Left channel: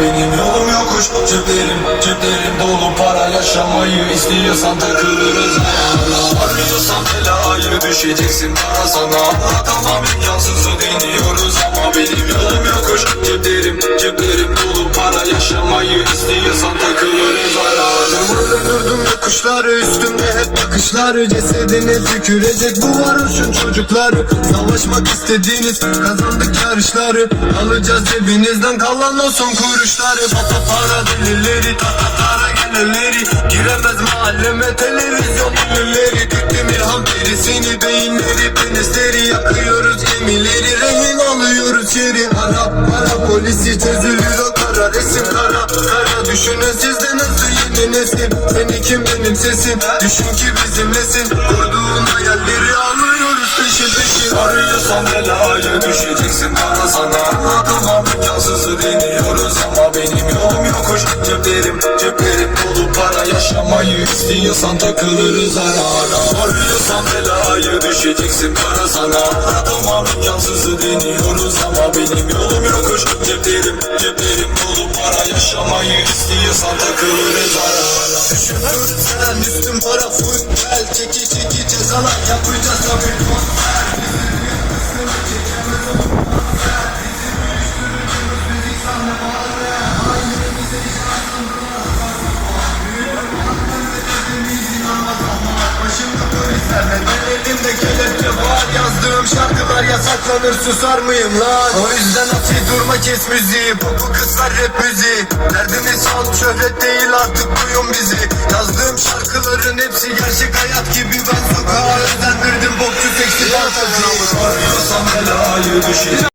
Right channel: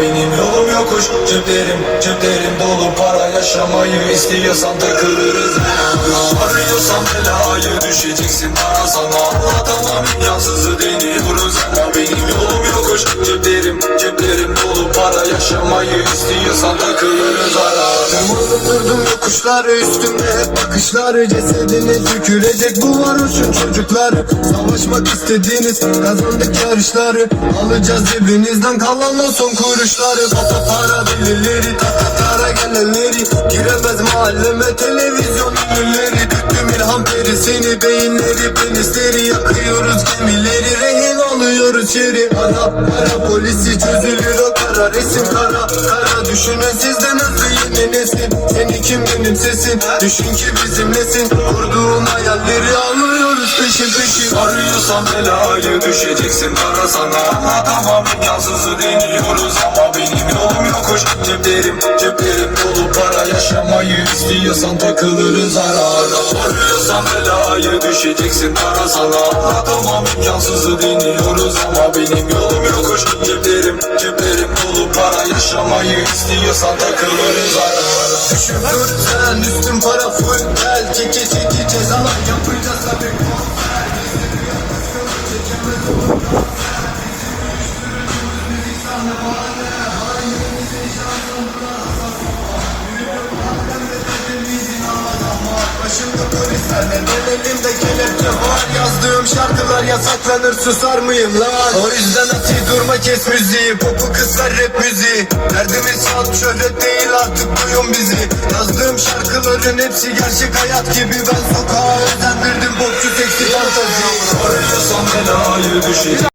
benim yolum yokuş Ceplerim, ceplerim dolu para yaşamayı istiyorsan takılırız Arıyorsan belayı düşeceksin bana sana Anlatamam imkansızı deniyoruz Yokuşları üstünde hep bakışları Cesedine tükürecek bu varoşun çocukları. Savaşmak istediğiniz kazandık yarışları. Alacağız cebinizden kalan o son kuruşları. Pata para delileri tatatara gelenleri. Giremez mahalleme televizyon ünlüleri. Döktüm ilham perisini beyinleri penisleri. Yakıyoruz gemileri rehin alıyoruz şeri Ara ara polisi çözülür kara resim kara Kara düşünen sizde nasıl yeni nesil? Seni kim benim sesin? Düşün ki bizimlesin. Kurduğun hayalleri alıyoruz peşin peşin. Arıyorsan belayı düşeceksin. Bana sana Anlatamam imkansızı deniyoruz ama benim yolum yokuş. Ceplerim, ceplerim dolu para yaşamayı istiyorsan takılırız ara ara. Arıyorsan belayı düşeceksin. Bana sana Anlatamam imkansızı deniyoruz ama benim yolum yokuş. Ceplerim, ceplerim yaşamayı istiyorsan takılırız ara ara Düşünür sen üstün para full gel Çeki çeki cezalar yapacağız tabii. Başımda polislerle ben elimde kelepçe var. Yazdığım şarkılar yasaklanır susar mıyım lan? O yüzden durma kes müziği Popu kızlar rap müziği Derdimiz halk şöhret değil artık duyun bizi. Yazdığım şarkıların hepsi gerçek hayat gibi. Ben sokağa özendirdim bokçu seksi dansacı Arıyorsan belayı düşeceksin